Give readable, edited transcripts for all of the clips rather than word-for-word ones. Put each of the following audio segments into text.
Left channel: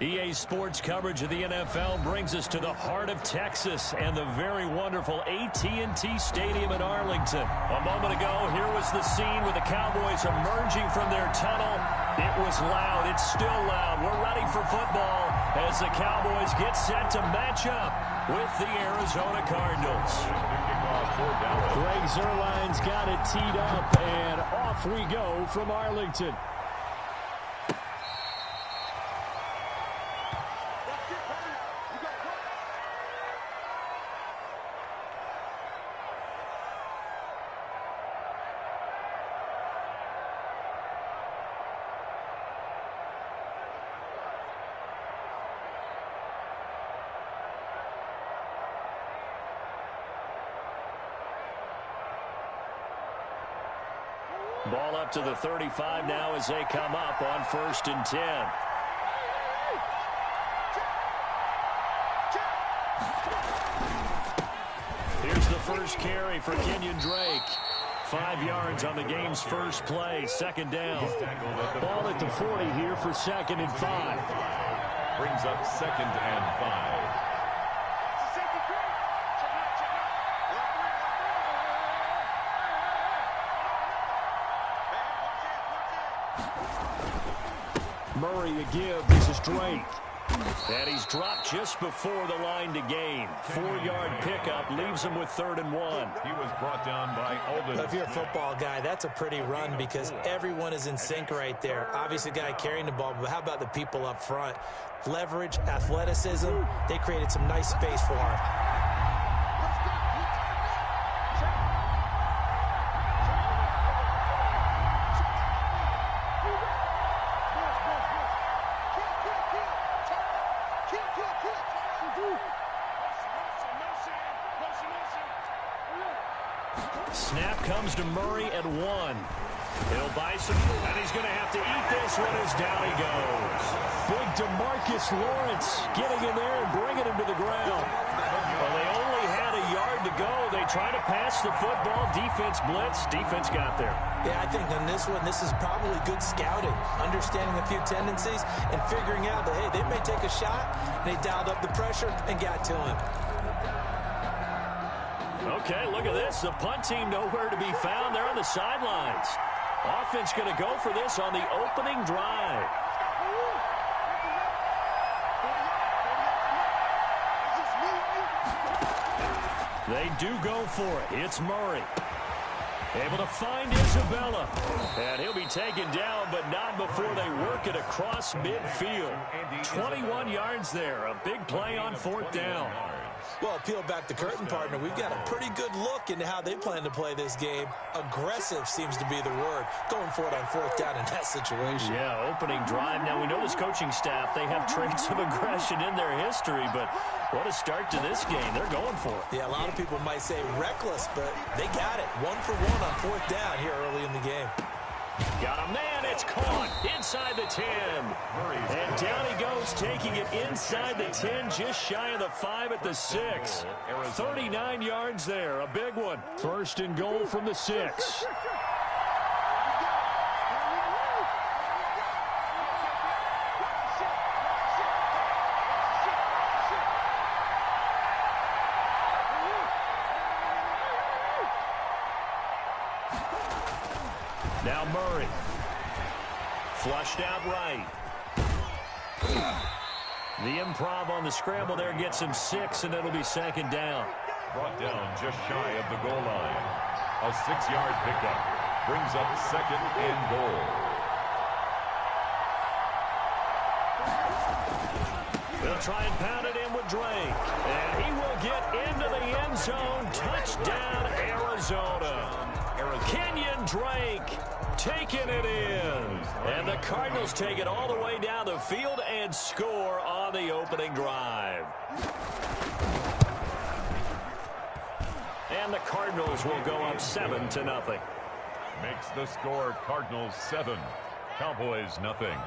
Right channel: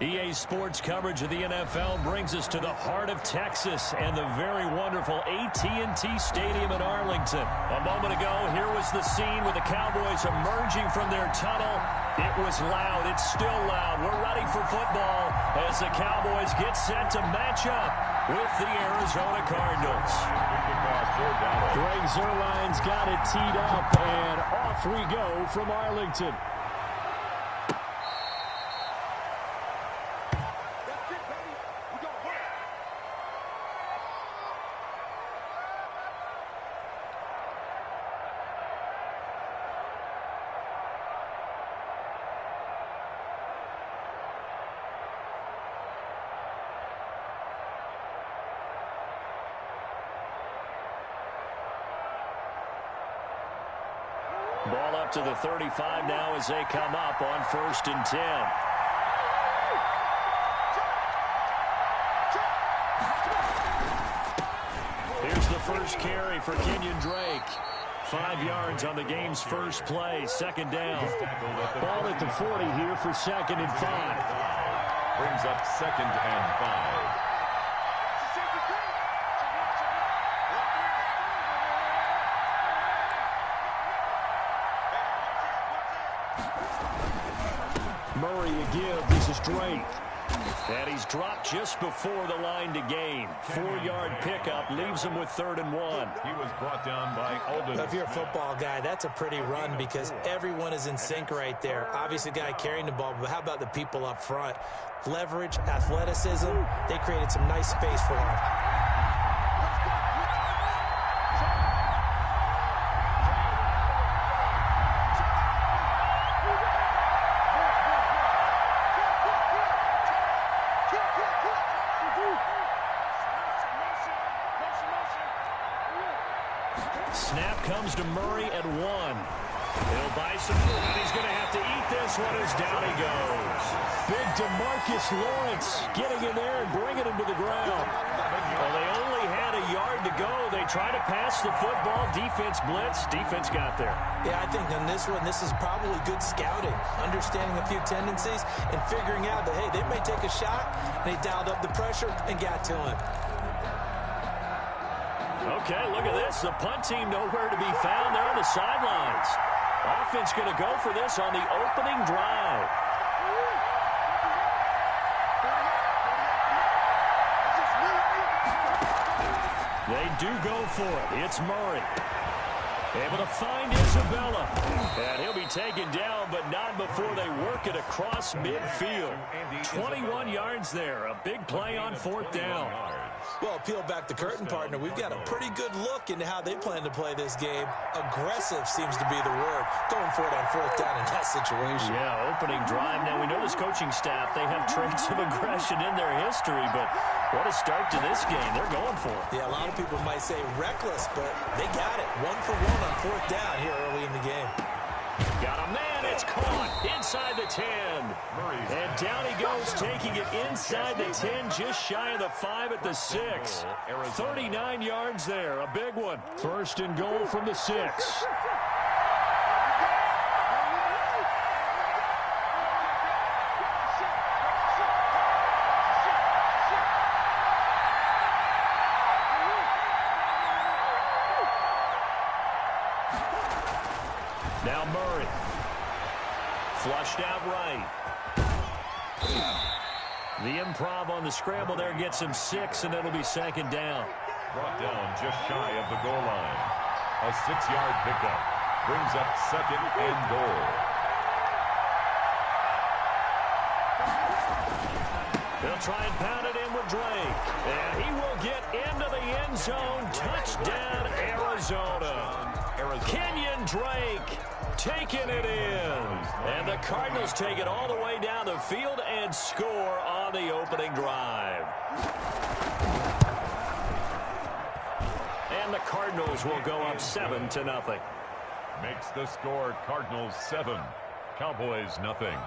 EA Sports coverage of the NFL brings us to the heart of Texas and the very wonderful AT&T Stadium in Arlington. A moment ago, here was the scene with the Cowboys emerging from their tunnel. It was loud. It's still loud. We're ready for football as the Cowboys get set to match up with the Arizona Cardinals. Greg Zuerlein's got it teed up, and off we go from Arlington. Ball up to the 35 now as they come up on 1st and 10. Here's the first carry for Kenyon Drake. 5 yards on the game's first play. 2nd down. Ball at the 40 here for 2nd and 5. Brings up 2nd and 5. Murray a give. This is Drake. And he's dropped just before the line to gain. 4-yard pickup leaves him with 3rd and 1. He was brought down by Alden. If you're a football guy, that's a pretty run because everyone is in sync right there. Obviously, the guy carrying the ball, but how about the people up front? Leverage, athleticism, they created some nice space for him. Snap comes to Murray at 1. He'll buy some, and he's going to have to eat this one as down he goes. Big DeMarcus Lawrence getting in there and bringing him to the ground. Well, they only had a yard to go. They tried to pass the football. Defense blitz. Defense got there. Yeah, I think on this one, this is probably good scouting, understanding a few tendencies and figuring out that, hey, they may take a shot, and they dialed up the pressure and got to him. Okay, look at this. The punt team nowhere to be found. They're on the sidelines. Offense going to go for this on the opening drive. They do go for it. It's Murray. Able to find Isabella. And he'll be taken down, but not before they work it across midfield. 21 yards there. A big play on 4th down. Well, peel back the curtain, partner. We've got a pretty good look into how they plan to play this game. Aggressive seems to be the word. Going for it on 4th down in that situation. Yeah, opening drive. Now, we know this coaching staff, they have traits of aggression in their history, but what a start to this game. They're going for it. Yeah, a lot of people might say reckless, but they got it. 1 for 1 on 4th down here early in the game. Got a man, it's caught inside the 10. And down he goes, taking it inside the 10, just shy of the 5 at the 6. 39 yards there, a big one. 1st and goal from the 6. Now Murray. Flushed out right. The improv on the scramble there gets him 6, and it'll be 2nd down. Brought down just shy of the goal line. A 6-yard pickup. Brings up 2nd and goal. They'll try and pound it in with Drake. And he will get into the end zone. Touchdown, Arizona. Kenyon Drake taking it in. And the Cardinals take it all the way down the field and score on the opening drive. And the Cardinals will go up 7-0. Makes the score Cardinals 7, Cowboys nothing.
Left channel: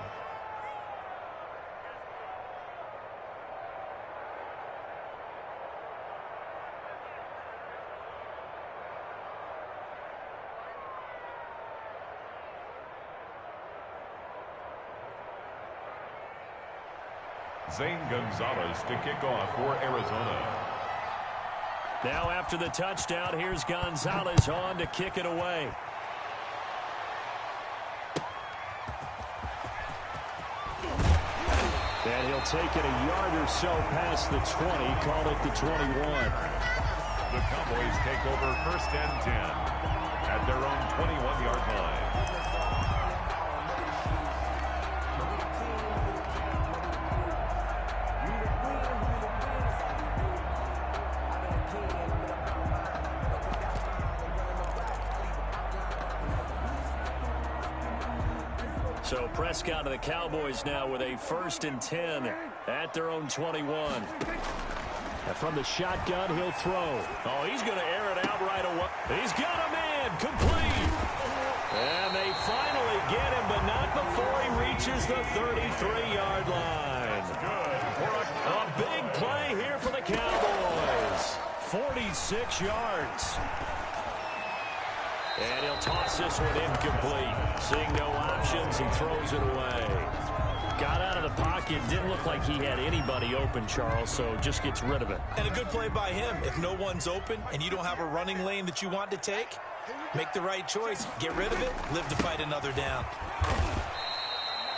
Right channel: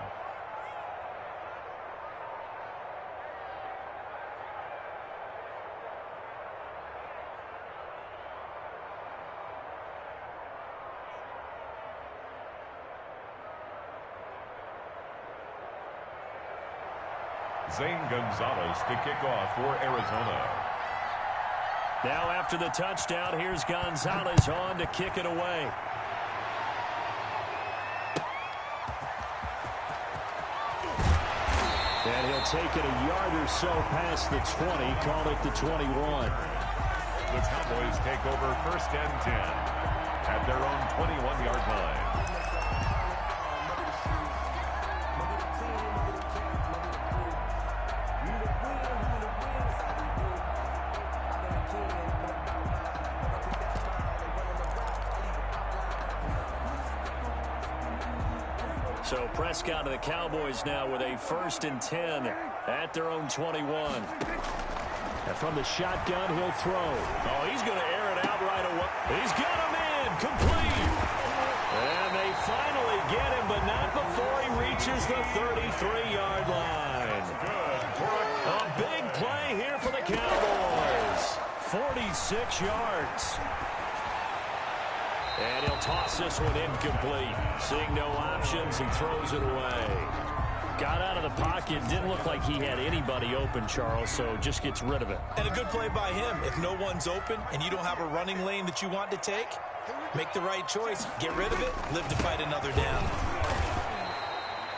Zane Gonzalez to kick off for Arizona. Now after the touchdown, here's Gonzalez on to kick it away. And he'll take it a yard or so past the 20, call it the 21. The Cowboys take over 1st and 10 at their own 21-yard line. So Prescott of the Cowboys now with a 1st and 10 at their own 21. And from the shotgun, he'll throw. Oh, he's going to air it out right away. He's got a man, complete. And they finally get him, but not before he reaches the 33-yard line. Good for a big play here for the Cowboys. 46 yards. And he'll toss this one incomplete. Seeing no options, he throws it away. Got out of the pocket. Didn't look like he had anybody open, Charles, so just gets rid of it. And a good play by him. If no one's open and you don't have a running lane that you want to take, make the right choice. Get rid of it. Live to fight another down.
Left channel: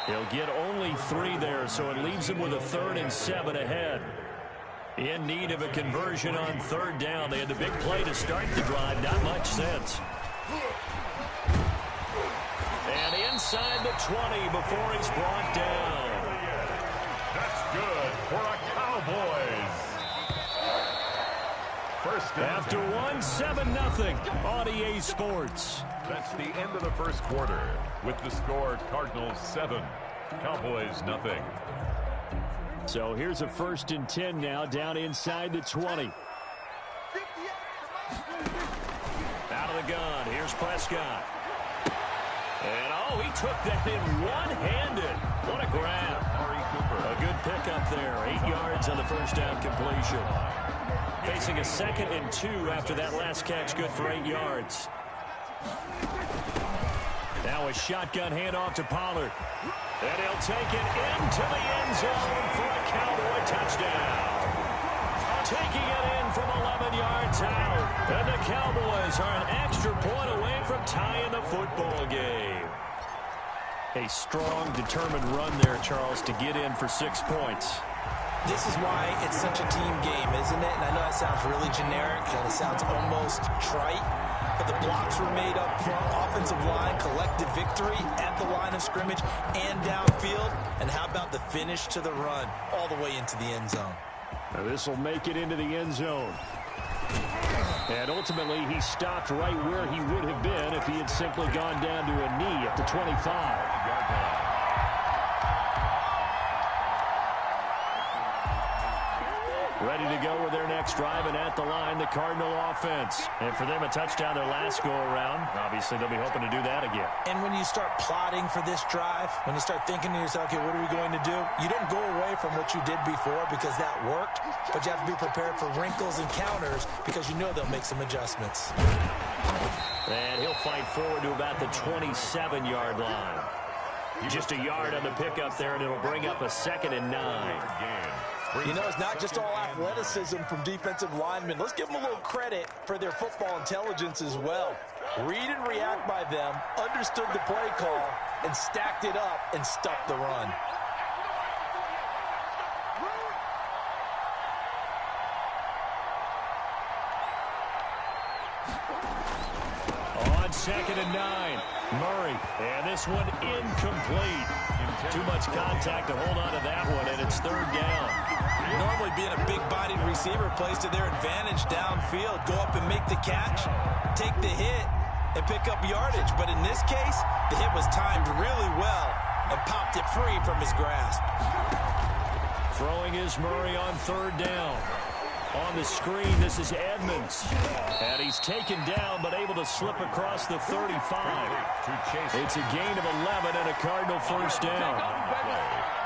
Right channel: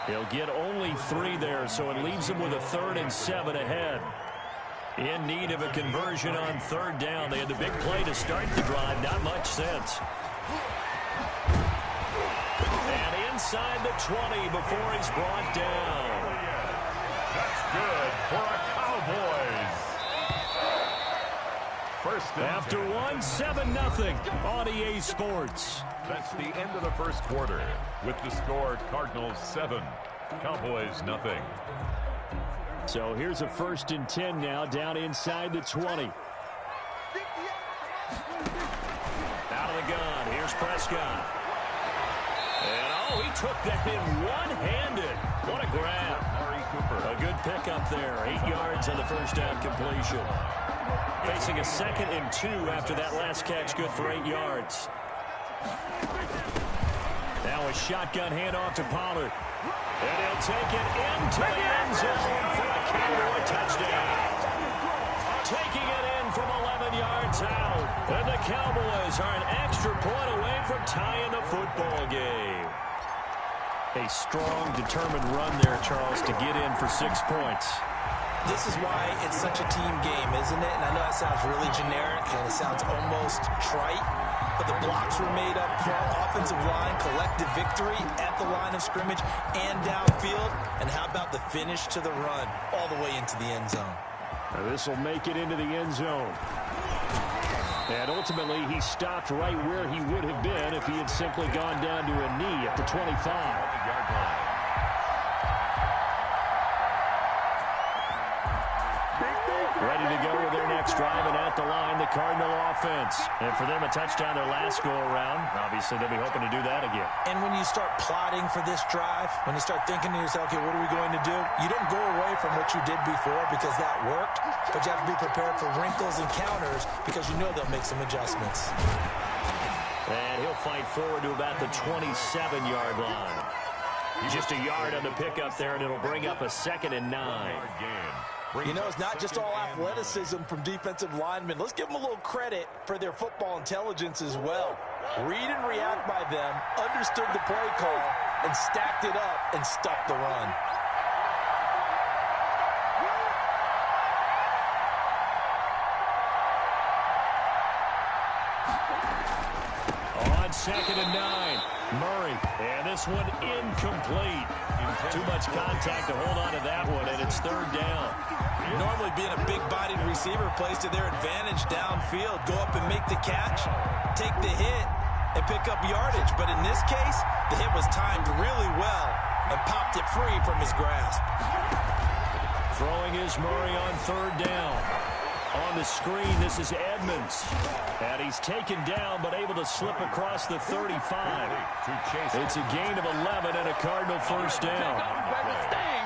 He'll get only 3 there, so it leaves him with a 3rd and 7 ahead. In need of a conversion on 3rd down. They had the big play to start the drive. Not much sense. And inside the 20 before he's brought down. That's good for a Cowboys. First after 1, 7-0 on EA Sports. That's the end of the first quarter with the score Cardinals 7, Cowboys nothing. So here's a 1st and 10 now down inside the 20. Out of the gun. Here's Prescott. And, oh, he took that in one-handed. What a grab. A good pickup there. 8 yards on the first down completion. Facing a 2nd and 2 after that last catch. Good for 8 yards. Now a shotgun handoff to Pollard. And he'll take it into the end zone for a Cowboy touchdown. Taking it in from 11 yards out. And the Cowboys are an extra point away from tying the football game. A strong, determined run there, Charles, to get in for 6 points. This is why it's such a team game, isn't it? And I know that sounds really generic and it sounds almost trite, but the blocks were made up front, offensive line, collective victory at the line of scrimmage and downfield. And how about the finish to the run all the way into the end zone? Now this will make it into the end zone. And ultimately, he stopped right where he would have been if he had simply gone down to a knee at the 25-yard line. Ready to go with their next drive, and at the line, the Cardinal offense. And for them, a touchdown their last go-around. Obviously, they'll be hoping to do that again. And when you start plotting for this drive, when you start thinking to yourself, okay, what are we going to do? You don't go away from what you did before because that worked, but you have to be prepared for wrinkles and counters because you know they'll make some adjustments. And he'll fight forward to about the 27-yard line. Just a yard on the pickup there, and it'll bring up a 2nd and 9. You know, it's not just all athleticism from defensive linemen. Let's give them a little credit for their football intelligence as well. Read and react by them, understood the play call, and stacked it up and stuffed the run. On 2nd and 9, Murray. And this one incomplete. Too much contact to hold on to that one, and it's 3rd down. Normally being a big-bodied receiver plays to their advantage downfield. Go up and make the catch, take the hit, and pick up yardage. But in this case, the hit was timed really well and popped it free from his grasp. Throwing is Murray on 3rd down. On the screen, this is Edmonds. And he's taken down, but able to slip across the 35. It's a gain of 11 and a Cardinal 1st down.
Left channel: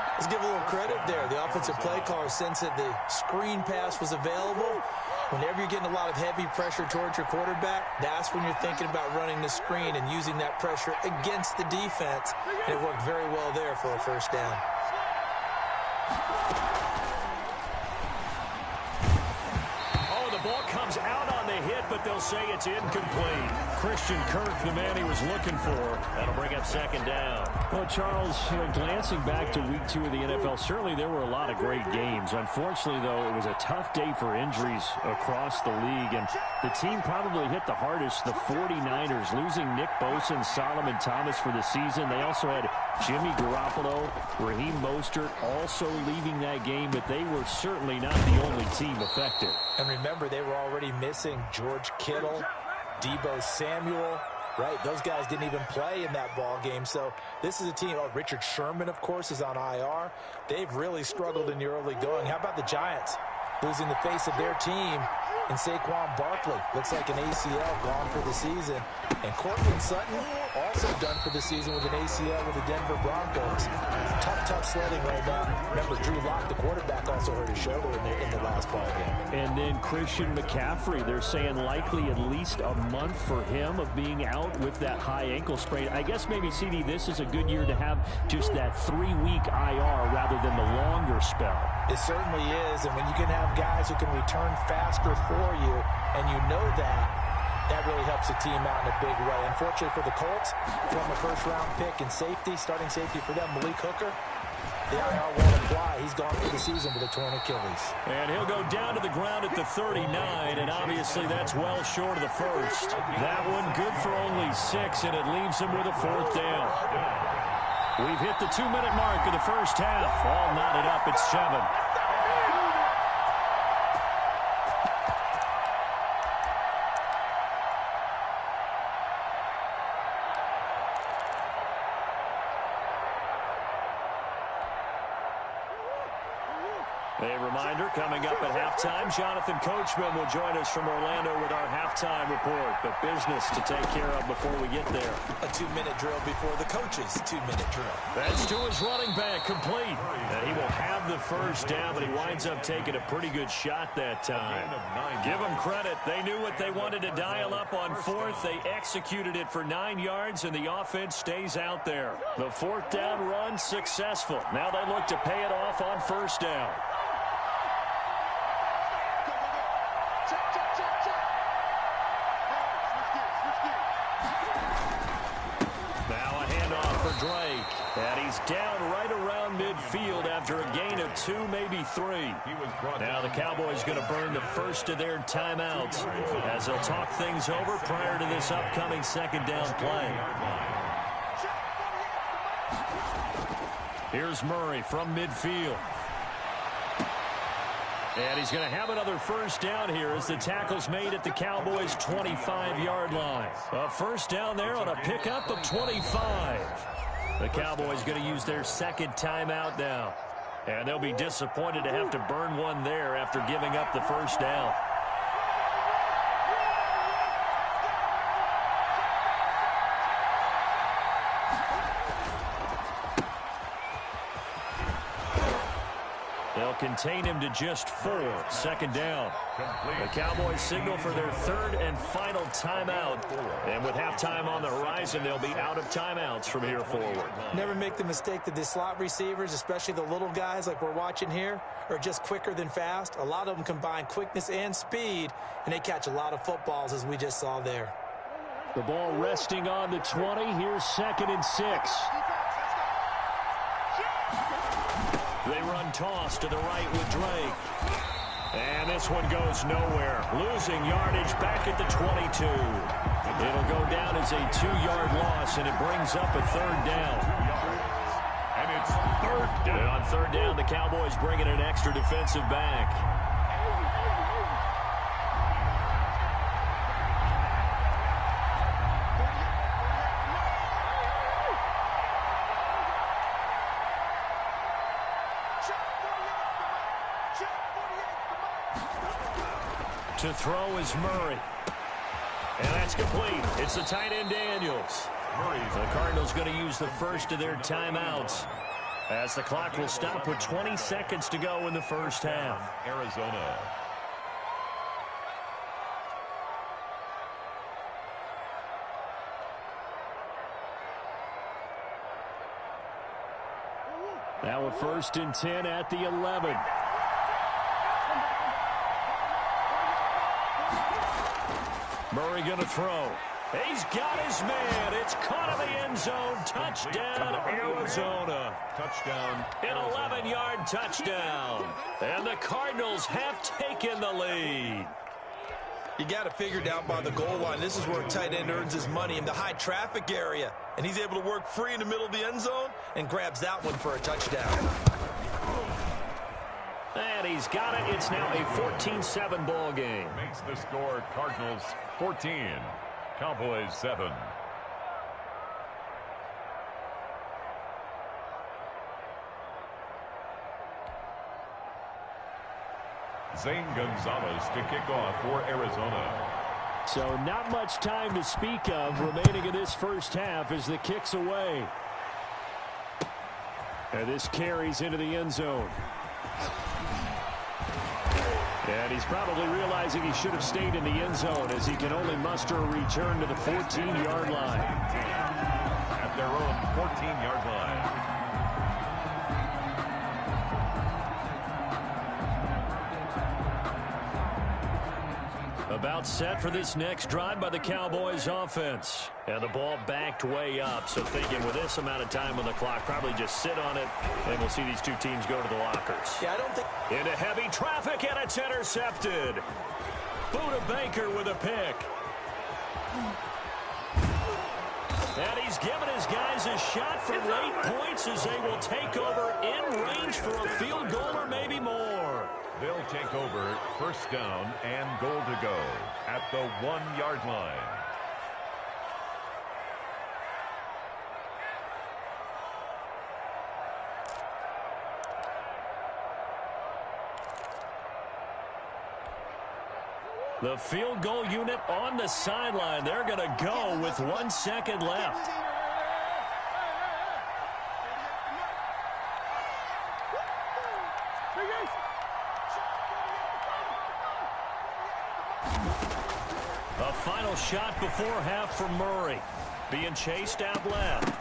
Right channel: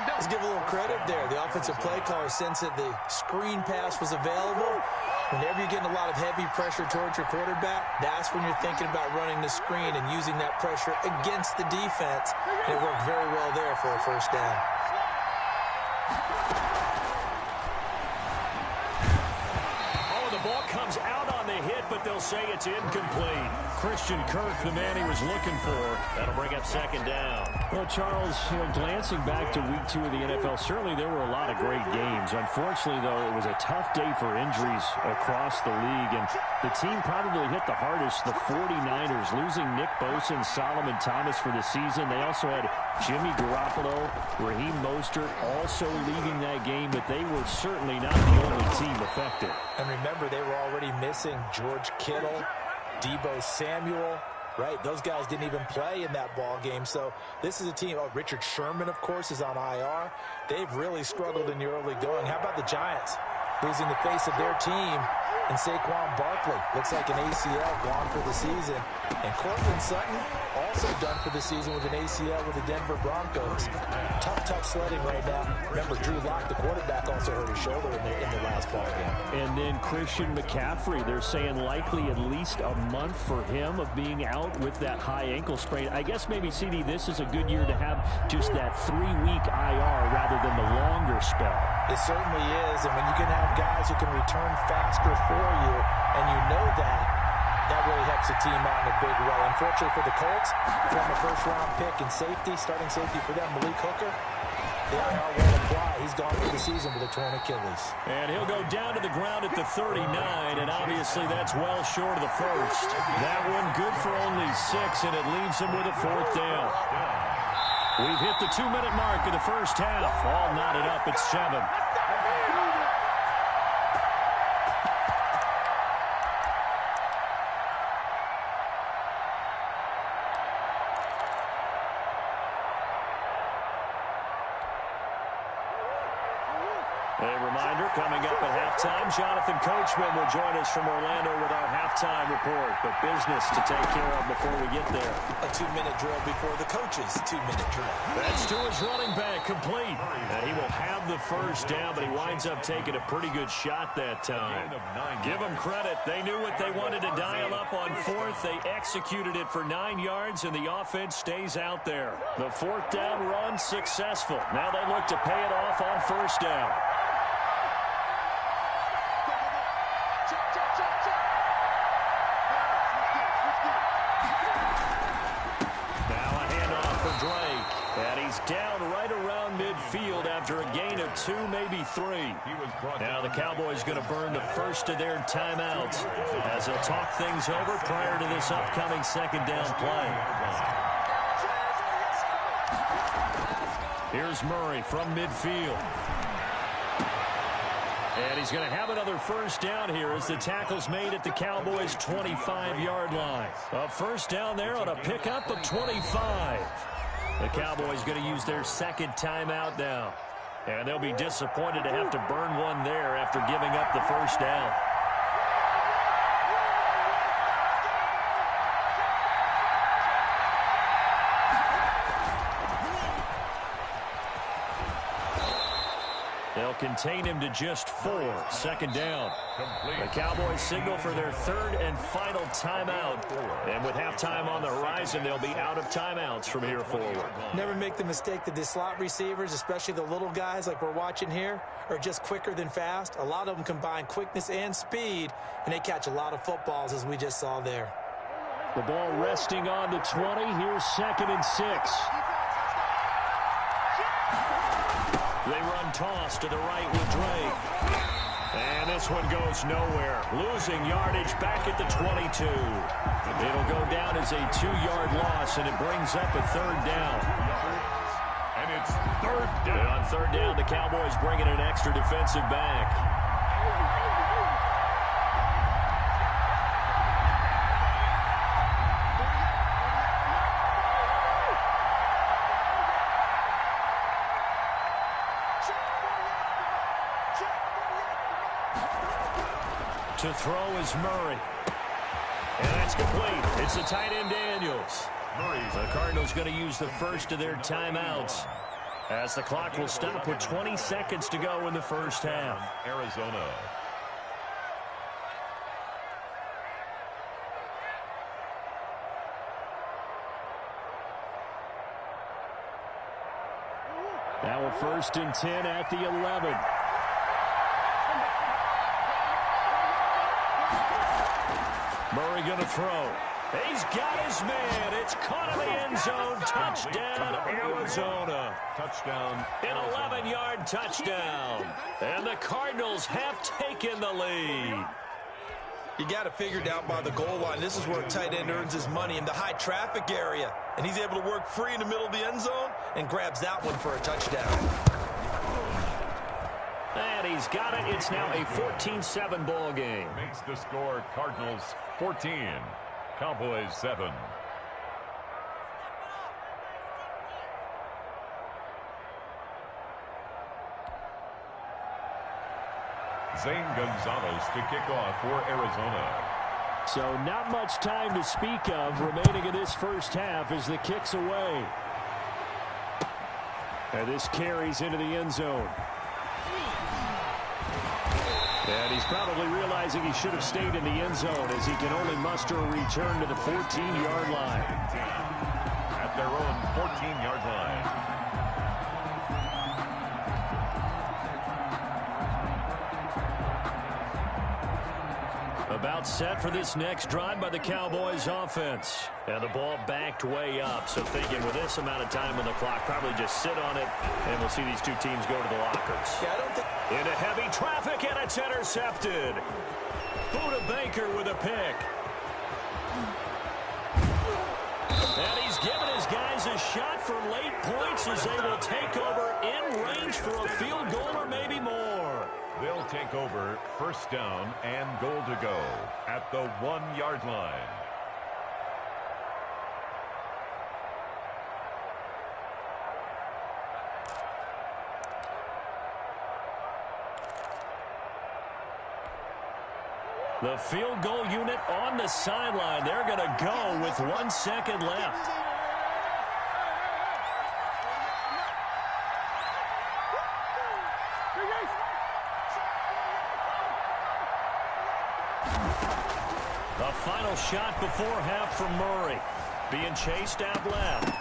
Let's give a little credit there. The offensive play caller sensed that the screen pass was available. Whenever you're getting a lot of heavy pressure towards your quarterback, that's when you're thinking about running the screen and using that pressure against the defense. And it worked very well there for a 1st down. the ball comes out on the hit, but they'll say it's incomplete. Christian Kirk, the man he was looking for. That'll bring up second down. Well, Charles, glancing back to week 2 of the NFL, certainly there were a lot of great games. Unfortunately, though, it was a tough day for injuries across the league, and the team probably hit the hardest, the 49ers, losing Nick Bosa and Solomon Thomas for the season. They also had Jimmy Garoppolo, Raheem Mostert also leaving that game, but they were certainly not the only team affected. And remember, they were already missing George Kittle, Deebo Samuel, right? Those guys didn't even play in that ball game. So this is a team. Oh, Richard Sherman, of course, is on IR. They've really struggled in the early going. How about the Giants? Losing the face of their team in Saquon Barkley. Looks like an ACL gone for the season. And Cortland Sutton also done for the season with an ACL with the Denver Broncos. Tough sledding right now. Remember, Drew Lock, the quarterback, also hurt his shoulder in the last ball game. And then Christian McCaffrey, they're saying likely at least a month for him of being out with that high ankle sprain. I guess maybe, CD, this is a good year to have just that 3-week IR rather than the longer spell. It certainly is, and when you can have guys who can return faster for you, and you know that really helps the team out in a big way. Unfortunately for the Colts, former first-round pick and starting safety for them, Malik Hooker, the IR won't apply. He's gone for the season with a torn Achilles. And he'll go down to the ground at the 39, and obviously that's well short of the first. That one good for only 6, and it leaves him with a 4th down. We've hit the 2-minute mark of the first half. All knotted up at 7. A reminder, coming up at halftime, Jonathan Coachman will join us from Orlando with our halftime report. But business to take care of before we get there. A 2-minute drill before the coach's 2-minute drill. That's to his running back, complete. And he will have the first down, but he winds up taking a pretty good shot that time. Give them credit. They knew what they wanted to dial up on 4th. They executed it for 9 yards, and the offense stays out there. The 4th down run successful. Now they look to pay it off on 1st down. And he's down right around midfield after a gain of 2, maybe 3. Now the Cowboys going to burn the first of their timeouts as they'll talk things over prior to this upcoming 2nd down play. Here's Murray from midfield. And he's going to have another first down here as the tackle's made at the Cowboys' 25-yard line. A first down there on a pickup of 25. The Cowboys going to use their 2nd timeout now. And they'll be disappointed to have to burn one there after giving up the first down. They'll contain him to just 4. 2nd down. The Cowboys signal for their 3rd and final timeout. And with halftime on the horizon, they'll be out of timeouts from here forward. Never make the mistake that the slot receivers, especially the little guys like we're watching here, are just quicker than fast. A lot of them combine quickness and speed, and they catch a lot of footballs, as we just saw there. The ball resting on the 20. Here's 2nd and 6. They run toss to the right with Drake. And this one goes nowhere. Losing yardage back at the 22. It'll go down as a 2-yard loss, and it brings up a 3rd down. And it's 3rd down. And on 3rd down, the Cowboys bring in an extra defensive back. To throw is Murray. And that's complete. It's the tight end Daniels. The Cardinals going to use the first of their timeouts as the clock will stop with 20 seconds to go in the first half. Arizona. Now a 1st and 10 at the 11. Murray going to throw. He's got his man. It's caught in the end zone. Touchdown, Arizona. Touchdown. An 11-yard touchdown. And the Cardinals have taken the lead. You got to figure down by the goal line. This is where a tight end earns his money, in the high traffic area. And he's able to work free in the middle of the end zone and grabs that one for a touchdown. And he's got it. It's now a 14-7 ball game. Makes the score Cardinals 14, Cowboys 7. Zane Gonzalez to kick off for Arizona. So not much time to speak of remaining in this first half as the kick's away. And this carries into the end zone. And he's probably realizing he should have stayed in the end zone as he can only muster a return to the 14-yard line. At their own 14-yard line. About set for this next drive by the Cowboys offense. And the ball backed way up. So thinking with this amount of time on the clock, probably just sit on it, and we'll see these two teams go to the lockers. Yeah, I don't think... Into heavy traffic, and it's intercepted. Buda Baker with a pick. And he's given his guys a shot from late points as they will take over in range for a field goal or maybe more. They'll take over first down and goal to go at the 1-yard line. The field goal unit on the sideline. They're going to go with 1 second left. A final shot before half from Murray. Being chased out left.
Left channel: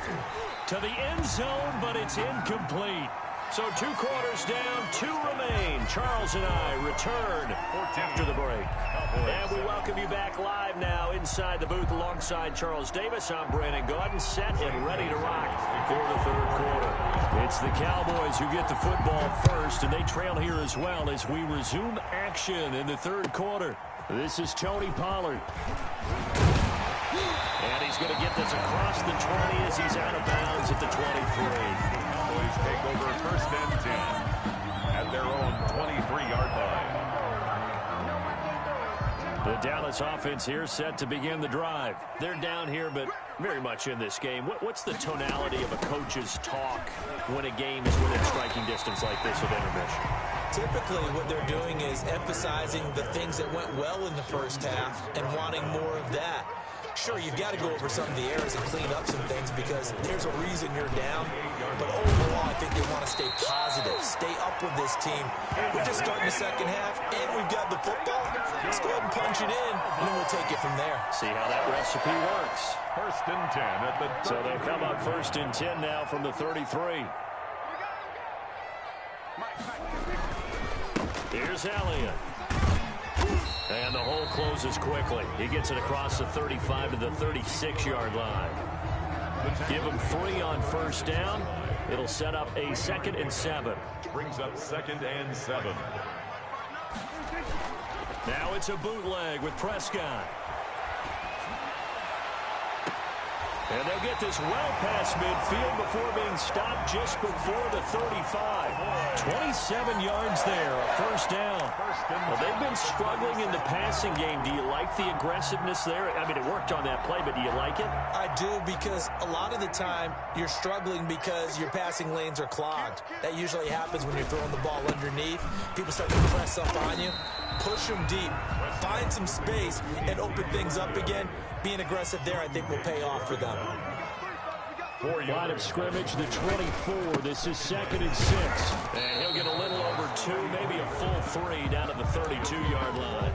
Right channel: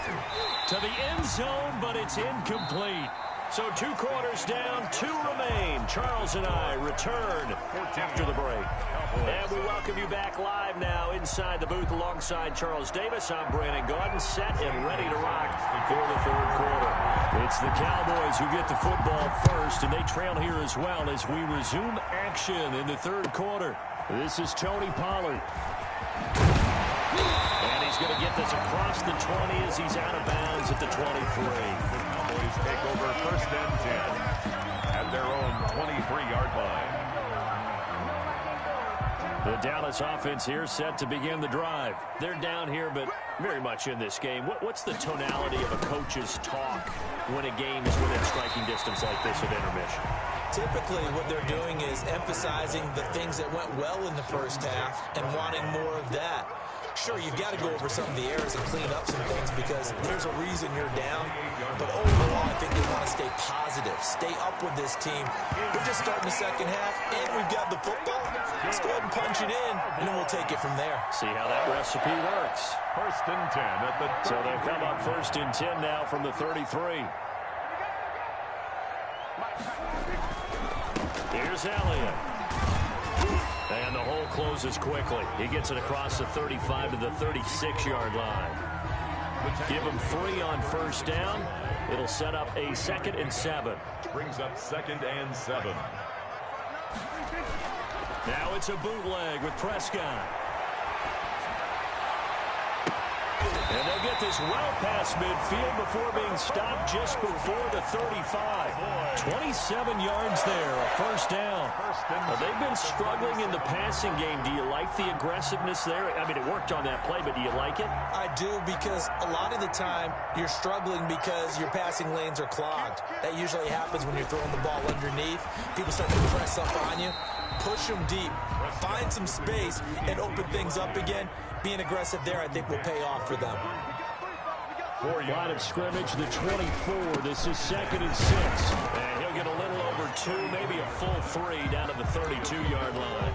To the end zone, but it's incomplete. So 2 quarters down, 2 remain. Charles and I return after the break. And we welcome you back live now inside the booth alongside Charles Davis. I'm Brandon Gaudin, set and ready to rock for the third quarter. It's the Cowboys who get the football first, and they trail here as well as we resume action in the third quarter. This is Tony Pollard. And he's going to get this across the 20 as he's out of bounds at the 23. The Cowboys take over first and 10 at their own 23-yard line. The Dallas offense here set to begin the drive. They're down here, but very much in this game. What's the tonality of a coach's talk when a game is within striking distance like this at intermission? Typically, what they're doing is emphasizing the things that went well in the first half and wanting more of that. Sure, you've got to go over some of the errors and clean up some things because there's a reason you're down. But overall, I think they want to stay positive, stay up with this team. We're just starting the second half, and we've got the football. Let's go ahead and punch it in, and then we'll take it from there. See how that recipe works. First and 10 at the 33. So they'll come up first and 10 now from the 33. Here's Elliott. And the hole closes quickly. He gets it across the 35 to the 36-yard line. Give him 3 on first down. It'll set up a 2nd and 7. Brings up 2nd and 7. Now it's a bootleg with Prescott. And they'll get this well past midfield before being stopped just before the 35. 27 yards there, a first down. They've been struggling in the passing game. Do you like the aggressiveness there? I mean, it worked on that play, but do you like it? I do, because a lot of the time you're struggling because your passing lanes are clogged. That usually happens when you're throwing the ball underneath. People start to press up on you. Push them deep. Find some space and open things up again. Being aggressive there, I think, will pay off for them. Line of scrimmage, the 24. This is 2nd and 6. And he'll get a little over 2, maybe a full 3 down to the 32-yard line.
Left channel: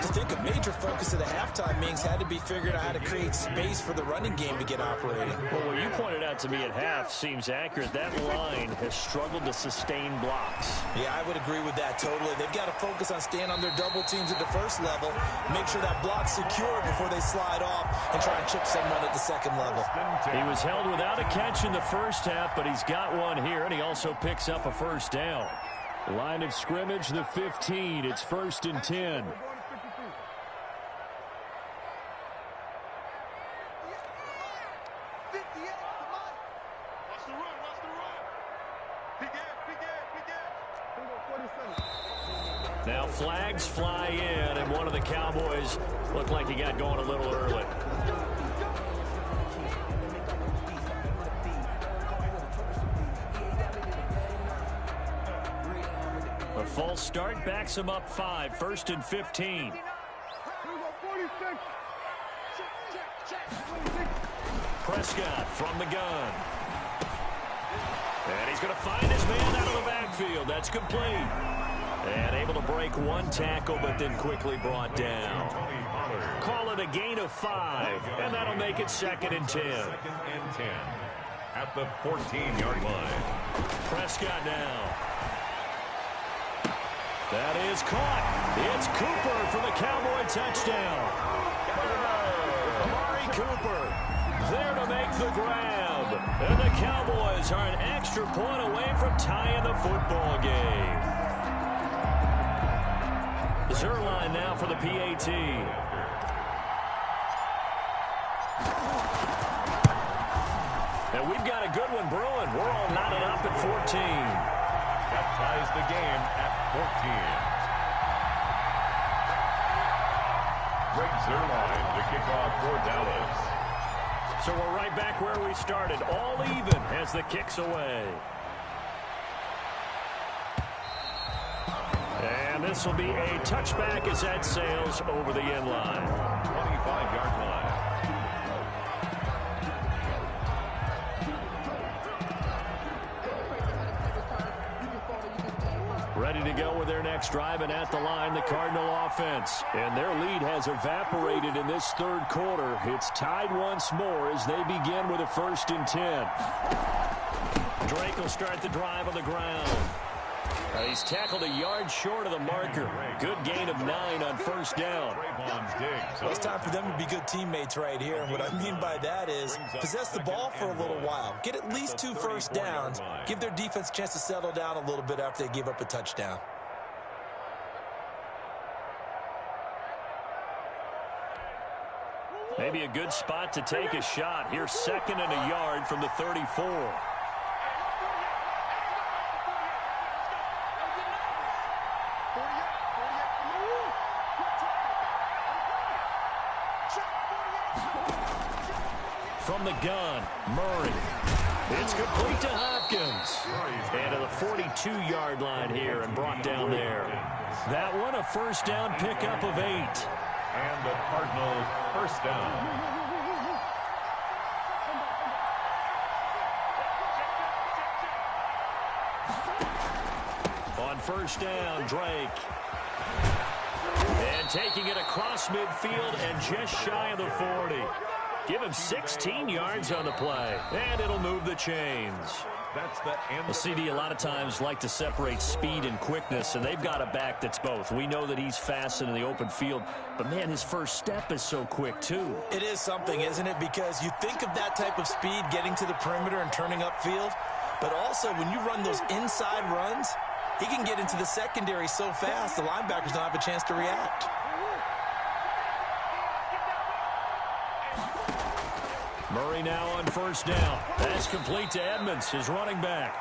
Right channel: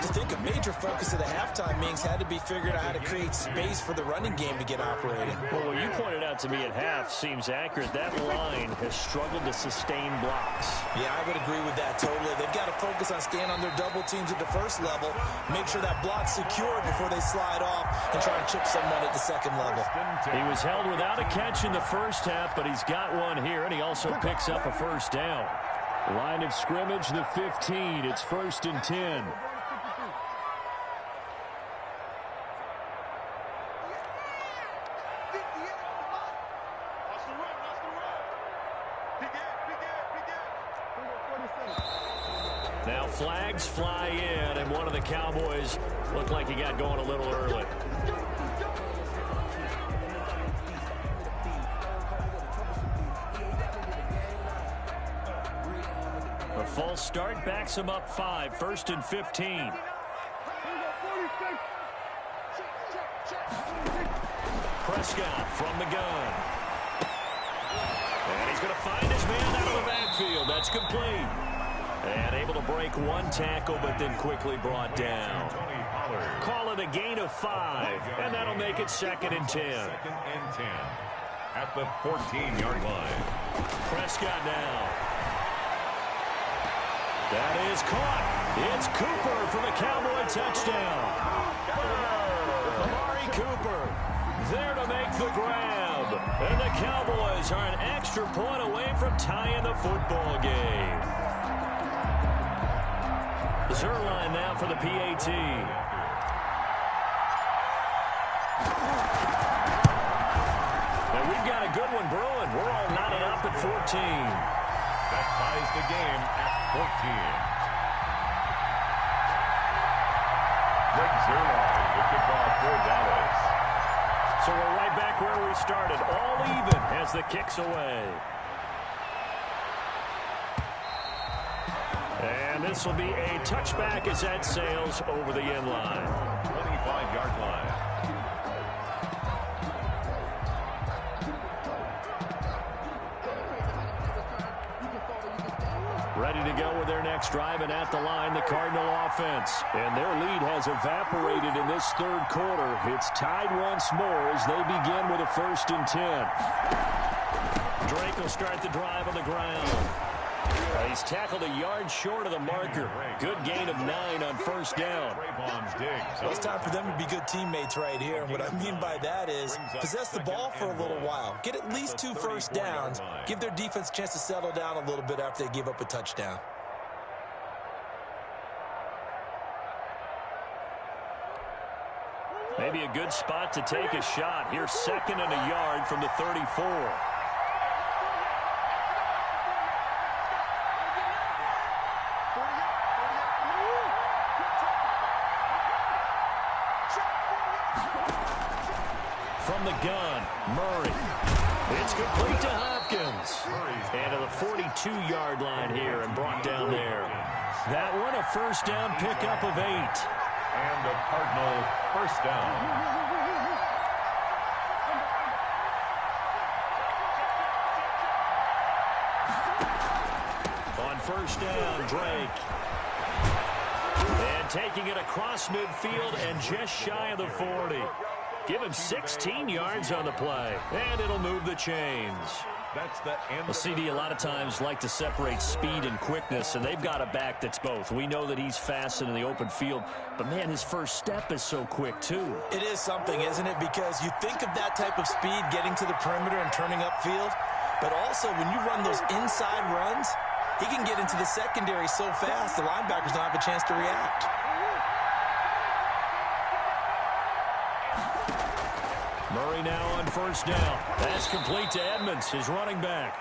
I think a major focus of the halftime meetings had to be figuring out how to create space for the running game to get operating. Well, what you pointed out to me at half seems accurate. That line has struggled to sustain blocks. Yeah, I would agree with that totally. They've got to focus on staying on their double teams at the first level, make sure that block's secured before they slide off and try and chip someone at the second level. He was held without a catch in the first half, but he's got one here, and he also picks up a first down. Line of scrimmage, the 15. It's 1st and 10. Now flags fly in, and one of the Cowboys looked like he got going a little early. A false start backs him up 5, 1st and 15. Prescott from the gun. And he's going to find his man out of the backfield. That's complete. And able to break one tackle, but then quickly brought down. Call it a gain of 5, and that'll make it 2nd and 10. 2nd and 10 at the 14-yard line. Prescott now. That is caught. It's Cooper for the Cowboy touchdown. Amari Cooper there to make the grab. And the Cowboys are an extra point away from tying the football game. Zerline now for the PAT. And we've got a good one brewing. We're all knotted up at 14. That ties the game at 14. Greg Zerline, the kickoff for Dallas. So we're right back where we started, all even as the kick's away. And this will be a touchback as that sails over the end line. 25-yard line. Ready to go with their next drive, and at the line, the Cardinal offense. And their lead has evaporated in this third quarter. It's tied once more as they begin with a 1st and 10. Drake will start the drive on the ground. He's tackled a yard short of the marker. Good gain of 9 on 1st down. Well, it's time for them to be good teammates right here. And what I mean by that is possess the ball for a little while. Get at least 2 first downs. Give their defense a chance to settle down a little bit after they give up a touchdown. Maybe a good spot to take a shot. Here's 2nd and a yard from the 34. From the gun, Murray. It's complete to Hopkins. And to the 42-yard line here and brought down there. That one a 1st down pickup of 8. And the Cardinal 1st down. On 1st down, Drake. And taking it across midfield and just shy of the 40. Give him 16 yards on the play, and it'll move the chains. That's the end. Well, CD a lot of times like to separate speed and quickness, and they've got a back that's both. We know that he's fast in the open field, but, man, his first step is so quick, too. It is something, isn't it? Because you think of that type of speed getting to the perimeter and turning upfield, but also when you run those inside runs, he can get into the secondary so fast the linebackers don't have a chance to react. Murray now on 1st down. That's complete to Edmonds, his running back.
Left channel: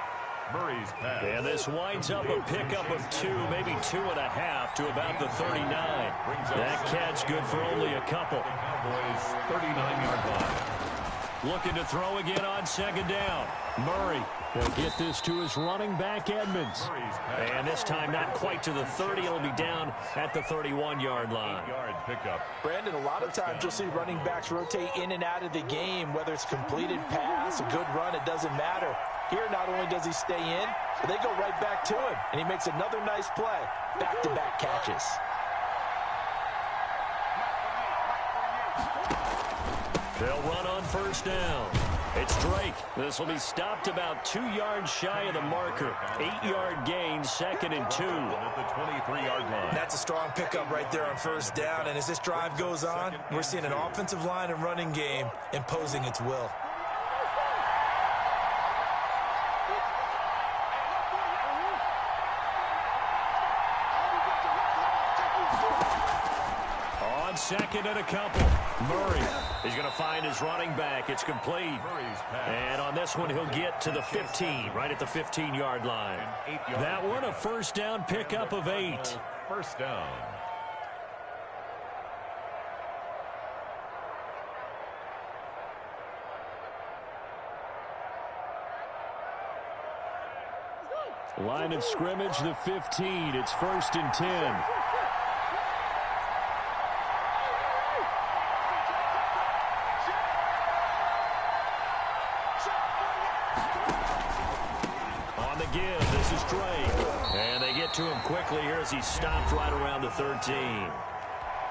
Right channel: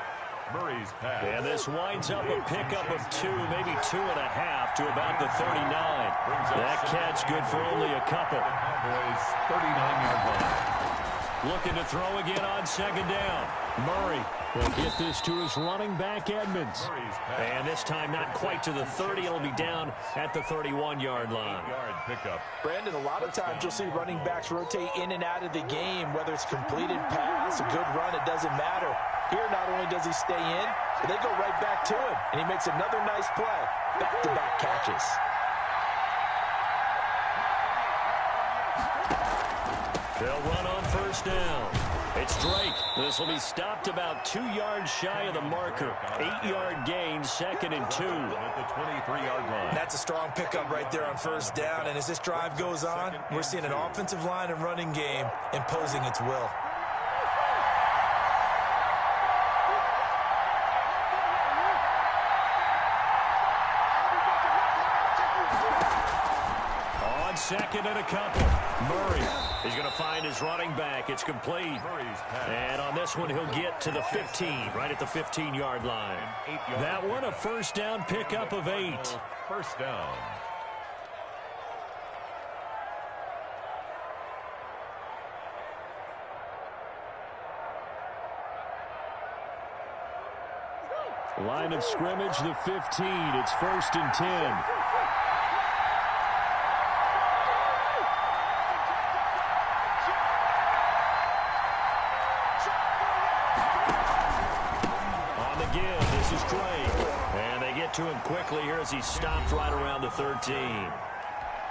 Murray's pass. And this winds up a pickup of 2, maybe 2.5 to about the 39. That catch good for only a couple. The Cowboys 39-yard line. Looking to throw again on 2nd down. Murray will get this to his running back, Edmonds. And this time not quite to the 30. It'll be down at the 31-yard line. 8-yard pickup. Brandon, a lot of times you'll see running backs rotate in and out of the game, whether it's completed pass, a good run, it doesn't matter. Here, not only does he stay in, but they go right back to him, and he makes another nice play. Back-to-back catches. They'll run on first down. It's Drake. This will be stopped about 2 yards shy of the marker. 8-yard gain, 2nd and 2. At the 23-yard line. That's a strong pickup right there on first down. And as this drive goes on, we're seeing an offensive line and running game imposing its will. On 2nd and a couple, Murray is going to find his running back. It's complete. And on this one, he'll get to the 15, right at the 15-yard line. That one, a first down pickup of 8. First down. Line of scrimmage, the 15. It's 1st and 10. Give. This is Drake. And they get to him quickly here as he stopped right around the 13.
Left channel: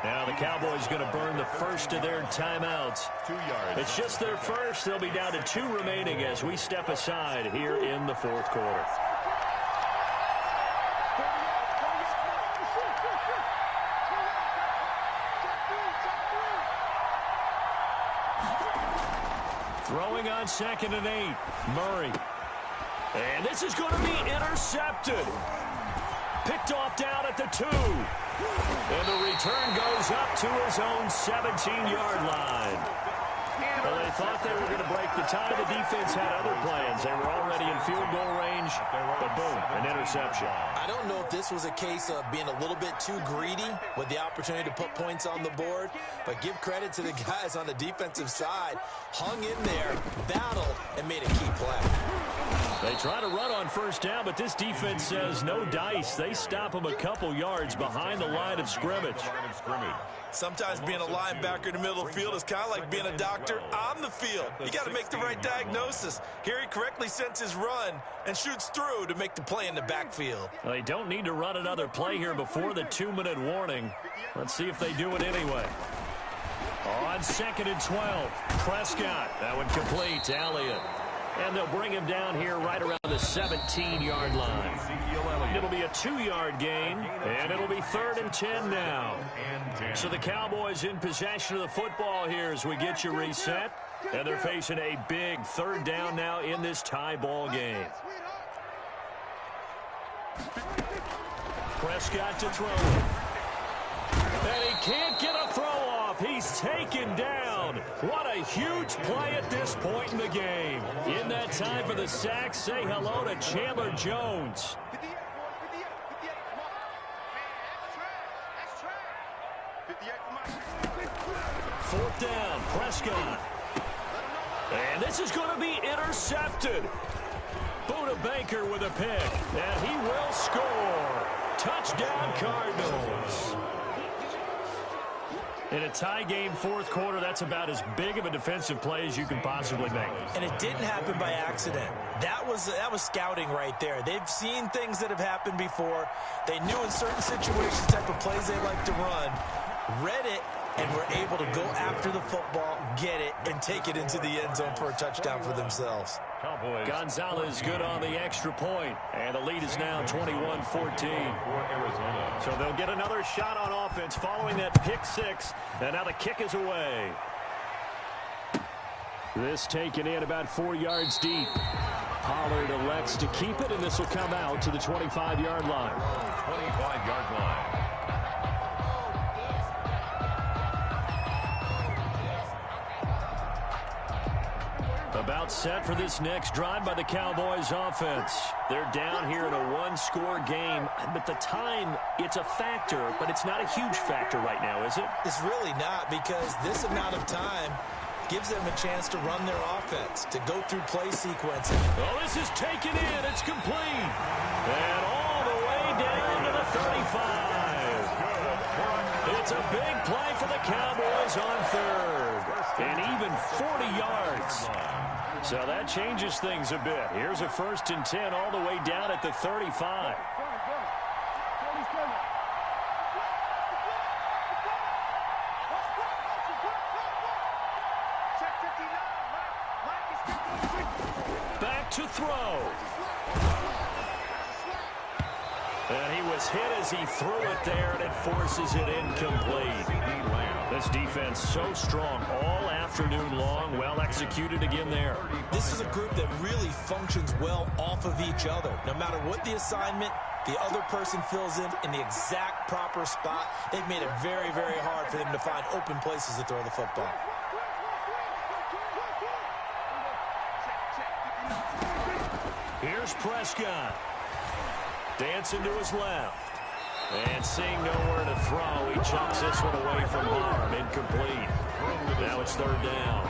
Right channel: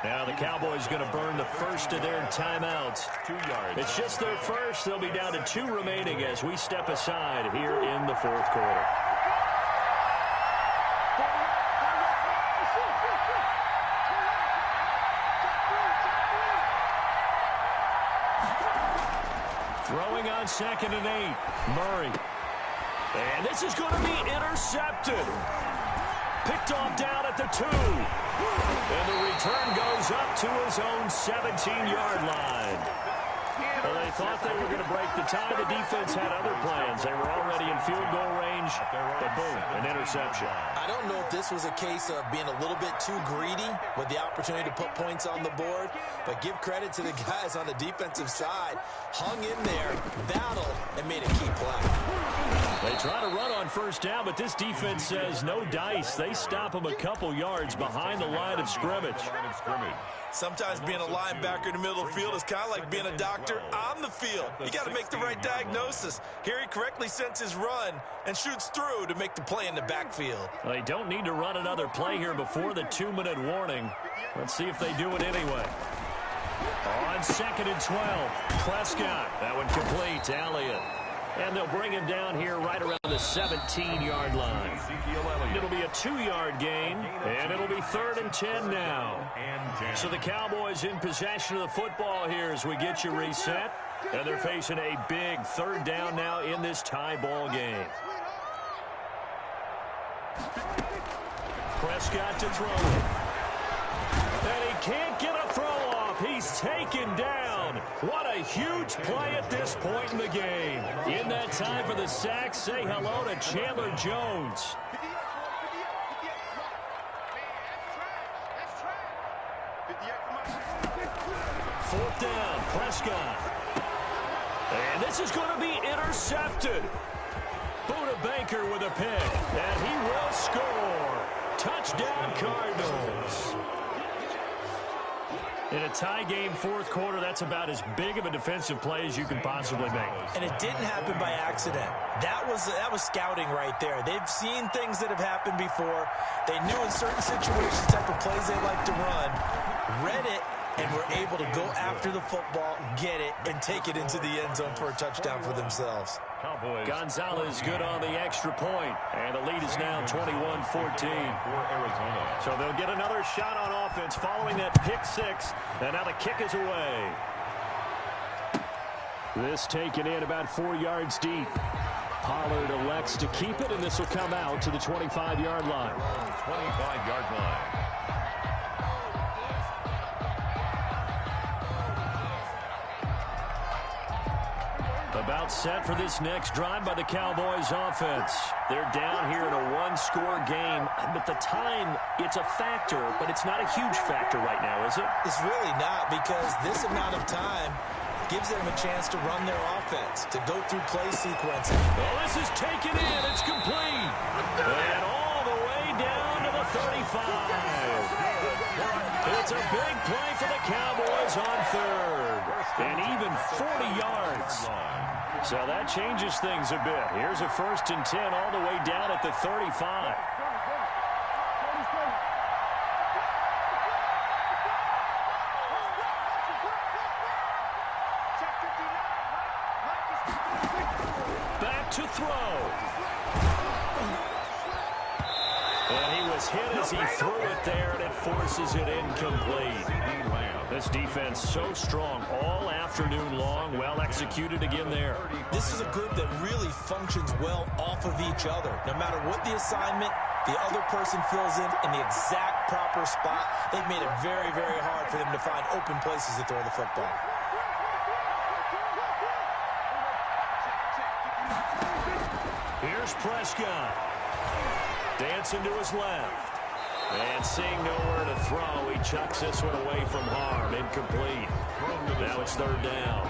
Now the Cowboys going to burn the first of their timeouts. 2 yards. It's just their first. They'll be down to 2 remaining as we step aside here in the 4th quarter. Throwing on 2nd and 8. Murray. And this is going to be intercepted. Picked off down at the 2. And the return goes up to his own 17-yard line. Well, they thought they were going to break the tie. The defense had other plans. They were already in field goal range, but boom, an interception. I don't know if this was a case of being a little bit too greedy with the opportunity to put points on the board, but give credit to the guys on the defensive side. Hung in there, battled, and made a key play. They try to run on first down, but this defense says no dice. They stop them a couple yards behind the line of scrimmage. Sometimes being a linebacker in the middle of the field is kind of like being a doctor on the field. You got to make the right diagnosis. Here he correctly sends his run and shoots through to make the play in the backfield. Well, they don't need to run another play here before the 2-minute warning. Let's see if they do it anyway. On 2nd and 12, Prescott. That one complete to Elliott. And they'll bring him down here right around the 17-yard line. It'll be a 2-yard gain, and it'll be 3rd and 10 now. So the Cowboys in possession of the football here as we get you reset. And they're facing a big 3rd down now in this tie ball game. Prescott to throw. And he can't get a throw off. He's taken down. What a huge play at this point in the game. In that time for the sack, say hello to Chandler Jones. Fourth down, Prescott. And this is going to be intercepted. Buda Baker with a pick, and he will score. Touchdown, Cardinals. In a tie game, 4th quarter, that's about as big of a defensive play as you can possibly make. And it didn't happen by accident. That was scouting right there. They've seen things that have happened before. They knew in certain situations the type of plays they like to run, read it, and were able to go after the football, get it, and take it into the end zone for a touchdown for themselves. Gonzalez good on the extra point, and the lead is now 21-14 for Arizona. So they'll get another shot on offense following that pick 6, and now the kick is away. This taken in about 4 yards deep. Pollard elects to keep it, and this will come out to the 25-yard line. 25-yard line. About set for this next drive by the Cowboys offense. They're down here in a 1-score game, but the time, it's a factor, but it's not a huge factor right now, is it? It's really not, because this amount of time gives them a chance to run their offense, to go through play sequences. Oh, this is taken in. It's complete. And all the way down to the 35. It's a big play for the Cowboys on 3rd. And even 40 yards. So that changes things a bit. Here's a 1st and 10 all the way down at the 35. to throw. And he was hit as he threw it there, and it forces it incomplete. This defense so strong all afternoon long. Well executed again there. This is a group that really functions well off of each other. No matter what the assignment, the other person fills in the exact proper spot. They've made it very, very hard for them to find open places to throw the football. Here's Prescott. Dancing to his left. And seeing nowhere to throw, he chucks this one away from harm. Incomplete. Now it's third down.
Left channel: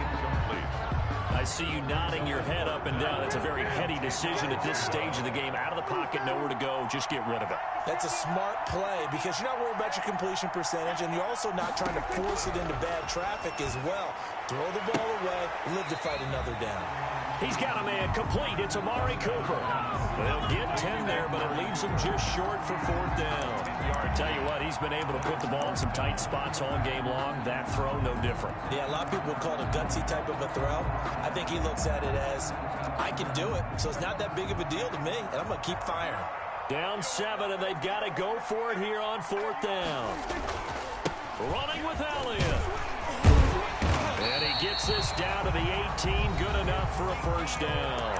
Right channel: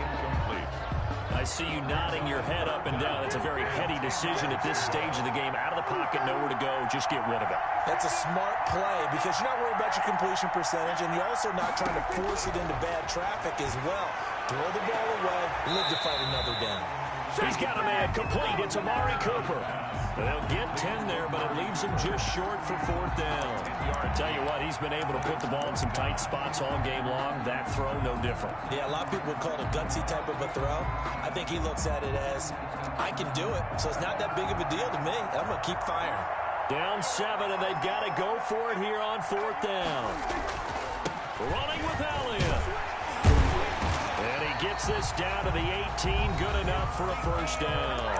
I see you nodding your head up and down. It's a very heady decision at this stage of the game. Out of the pocket, nowhere to go. Just get rid of it. That's a smart play because you're not worried about your completion percentage, and you're also not trying to force it into bad traffic as well. Throw the ball away, live to fight another down. He's got a man complete. It's Amari Cooper. They'll get 10 there, but it leaves him just short for fourth down. I tell you what, he's been able to put the ball in some tight spots all game long. That throw, no different. Yeah, a lot of people would call it a gutsy type of a throw. I think he looks at it as, I can do it, so it's not that big of a deal to me, and I'm going to keep firing. Down 7, and they've got to go for it here on fourth down. Running with Elliott. And he gets this down to the 18. Good enough for a first down.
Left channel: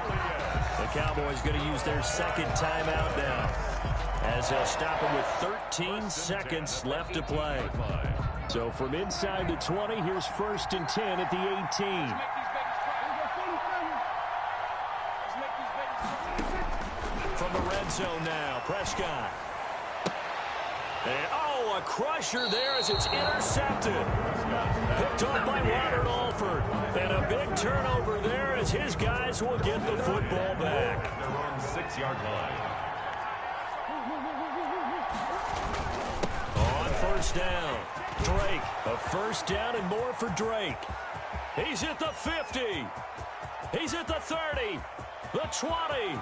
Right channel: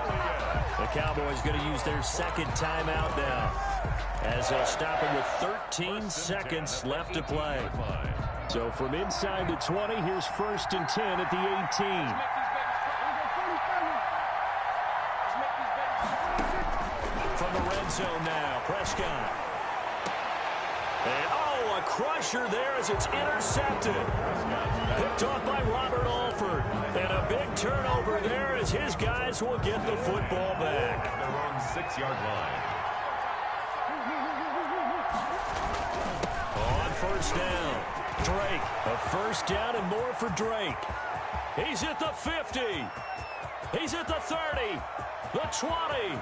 The Cowboys going to use their second timeout now, as they'll stop him with 13 seconds left to play. So from inside the 20, here's 1st and 10 at the 18. From the red zone now, Prescott. And, oh, a crusher there as it's intercepted. Picked off by Robert Alford. And a big turnover there as his guys will get the football back. Their own 6-yard line. On first down, Drake. A first down and more for Drake. He's at the 50. He's at the 30. The 20.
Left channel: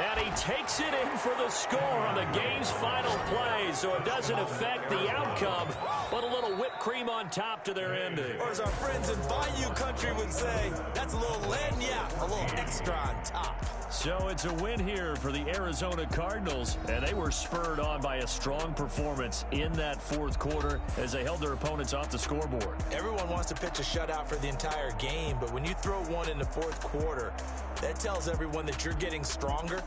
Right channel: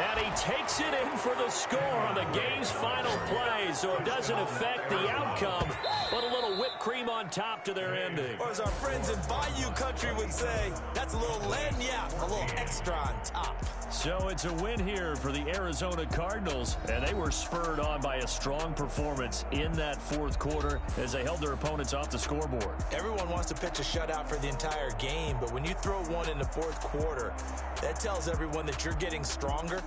And he takes it in for the score on the game's final play, so it doesn't affect the outcome, but a little whipped cream on top to their ending. Or as our friends in Bayou Country would say, that's a little lagniappe, a little extra on top. So it's a win here for the Arizona Cardinals, and they were spurred on by a strong performance in that fourth quarter as they held their opponents off the scoreboard. Everyone wants to pitch a shutout for the entire game, but when you throw one in the fourth quarter, that tells everyone that you're getting stronger